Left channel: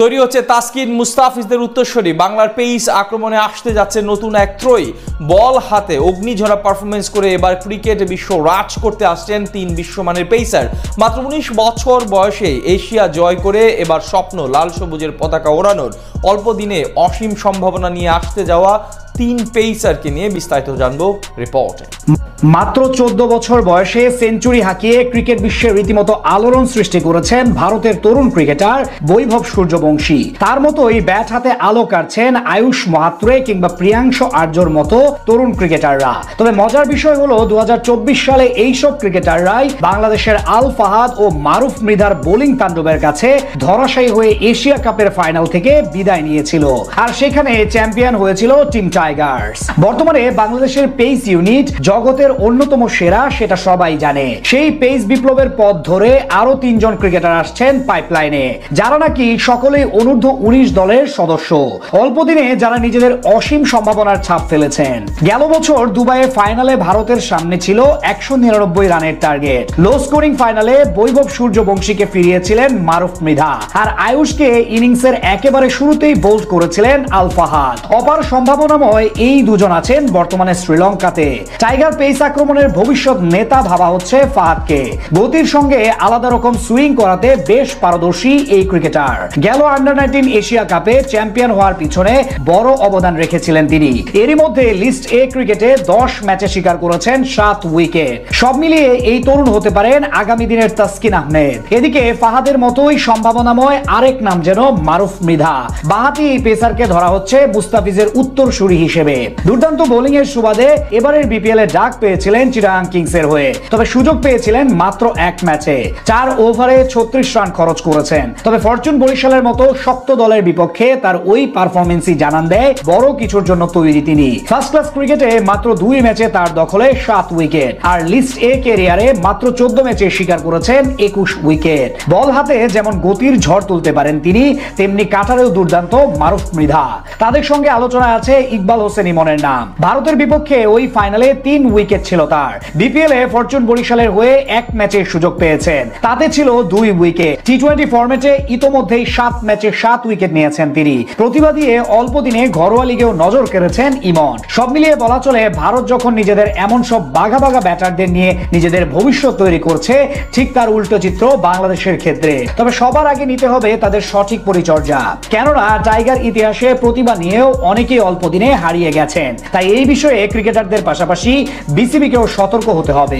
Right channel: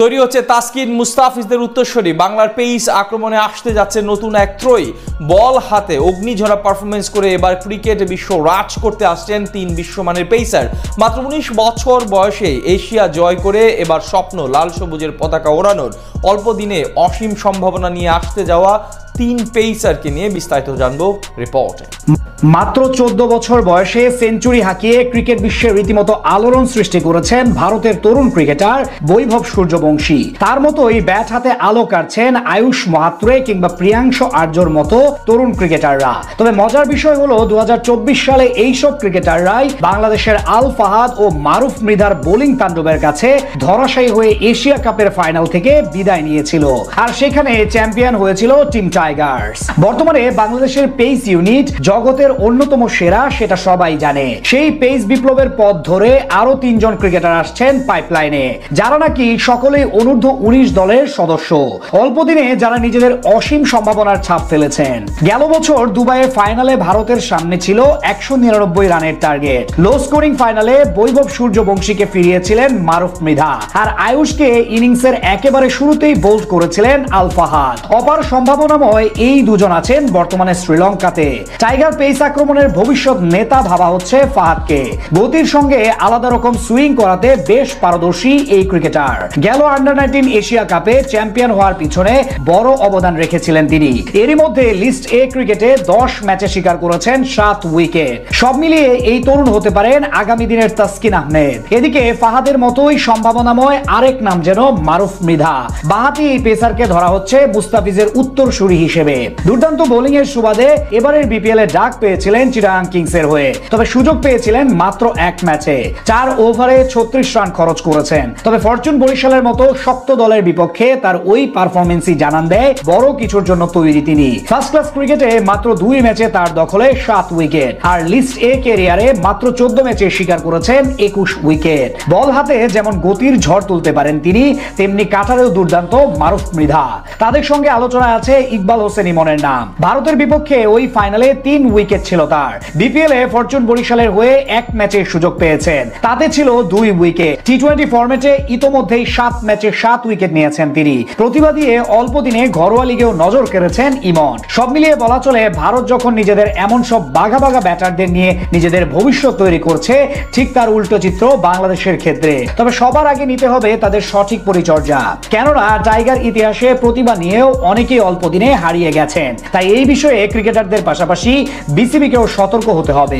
তৈরি হচ্ছে তাসকিন মুস্তাফিজদের উত্তরসূরি। বাংলার পেস আক্রমণে আসতে যাচ্ছে নতুন এক ত্রয়ী। বল হাতে অগ্নিঝরা পারফরমেন্স করে এবার ক্রিকেট বিশ্ব রাজ করতে আসছেন তিন বিশ্বমানের পেসার। মাত্র 19 বছর বয়সে এশিয়া জয় করে এবার স্বপ্ন লাল সবুজের পতাকা ওড়ানোর। অল্প দিনে অসীম সম্ভাবনা নিয়ে আসতে যাওয়া তিন পেসারকে নিয়ে বিস্তারিত জানবো রিপোর্টে। মাত্র 14 বছর বয়সে সেঞ্চুরি হাঁকিয়ে ক্রিকেট বিশ্বের রীতিমতো আলোড়ন সৃষ্টি করেছেন ভারতের তরুণ ক্রিকেটার বৈভব সূর্যবংশী। তার মতোই ব্যাট হাতে আলো কাটছেন আয়ুষ মাহাত্রে কিংবা প্রিয়াংশ আর্যর মতো তরুণ ক্রিকেটাররা। তবে মজার বিষয় হলো 2024 সালে এইসব ক্রিকেটাররাই বাংলাদেশের আল ফাহাদ ও মারুফ মৃধার বোলিং তাণ্ডবের কাছে ধরাশায়ী হয়ে এশিয়া কাপের ফাইনাল থেকে বিদায় নিয়েছিল, আর সেখানে চ্যাম্পিয়ন হয়েছিল টিম টাইগার্স। বর্তমানে বাংলাদেশের পেস ইউনিট জগতের অন্যতম সেরা, সেটা সবাই জানে। সেই পেস বিপ্লবের পথ ধরে আরো 3 জন ক্রিকেটার আসছেন পাইপলাইনে, যারা নাকি সকলেই অনূর্ধ্ব 19 দলের সদস্য। অল্প দিনে যারা নিজেদের অসীম সম্ভাবনার ছাপ ফেলেছেন। গেল বছর দুবাইয়ে ফাইনালে ভারতের সামনে ছিল 199 রানের টার্গেট। লো স্কোরিং ফাইনালে বৈভব সূর্যবংশীকে ফিরিয়েছিলেন মারুফ মৃধা, আর আয়ুষকে ইনিংসের একেবারে শুরুতেই বোল্ড করেছিলেন আল ফাহাদ। অপার সম্ভাবনাময় এই দুজন আছেন বর্তমানে শ্রীলঙ্কাতে। টাইগার পেস আক্রমণের ভবিষ্যৎ নেতা ভাবা হচ্ছে ফাহাদকে। গতির সঙ্গে আলাদা রকম সুইং করাতে বেশ পারদর্শী এই ক্রিকেটার। গেল আন্ডার-19 এশিয়া কাপে চ্যাম্পিয়ন হওয়ার পিছনে বড় অবদান রেখেছিলেন তিনি। এরই মধ্যে লিস্ট এ ক্রিকেটে 10 ম্যাচে শিকার করেছেন 7 উইকেট। সব মিলিয়ে এই তরুণ হতে পারেন আগামী দিনের তাসকিন আহমেদ। এদিকে ফাহাদের মতোই সম্ভাবনাময় আরেক নাম যেন মারুফ মৃধা। বাংলাদেশি পেসারকে ধরা হচ্ছে মুস্তাফিজের উত্তরসূরি হিসেবে। দুর্দান্ত বোলিং এর সুবাদে এবারের বিপিএল এ ডাক পেয়েছিলেন চিটাগাং কিংসের হয়ে, তবে সুযোগ পেয়েছিলেন মাত্র এক ম্যাচে। 4 ওভারে 36 রান খরচ করেছেন। তবে ফরচুন বরিশালের মতো শক্ত দলের বিপক্ষে তার ওই পারফরমেন্সই জানান দেয় বড় কিছুর জন্য তৈরি তিনি। ফার্স্ট ক্লাস ক্রিকেটে মাত্র 2 ম্যাচে তার দখলে 7 উইকেট, আর লিস্ট এ ক্যারিয়ারে মাত্র 14 ম্যাচে শিকার করেছেন 21 উইকেট। বল হাতে যেমন গতির ঝড় তুলতে পারেন তিনি, তেমনি কাটারেও দুর্দান্ত মারুফ মৃধা। তাদের সঙ্গে আলোচনায় আছে ইকবাল হোসেন ইমনের নাম। ভারতের বিপক্ষে ওই ফাইনালে 3 উইকেট ছিল তার। বিপিএল এ ফরচুন বরিশালের হয়ে 1 ম্যাচের সুযোগ পেয়েছেন, তাতে ছিল 2 উইকেট। টি-20 ফরম্যাটে ইতোমধ্যেই 7 ম্যাচে 7 উইকেট নিয়েছেন তিনি। প্রতিভা দিয়ে অল্প দিনে ঘরোয়া লিগেও নজর কেড়েছেন ইমন। সব মিলিয়ে বলা চলে ভারত যখন নিজেদের এমন সব বাঘা বাঘা ব্যাটারদের নিয়ে নিজেদের ভবিষ্যৎ তৈরি করছে, ঠিক তার উল্টো চিত্র বাংলাদেশের ক্ষেত্রে। তবে সবার আগে নিতে হবে তাদের সঠিক পরিচর্যা, কেননা টাইগার ইতিহাসে প্রতিভা নিয়েও অনেকেই অল্প দিনে হারিয়ে গেছেন। তাই এই বিষয়ে ক্রিকেটারদের পাশাপাশি বিসিবিকেও সতর্ক হতে হবে।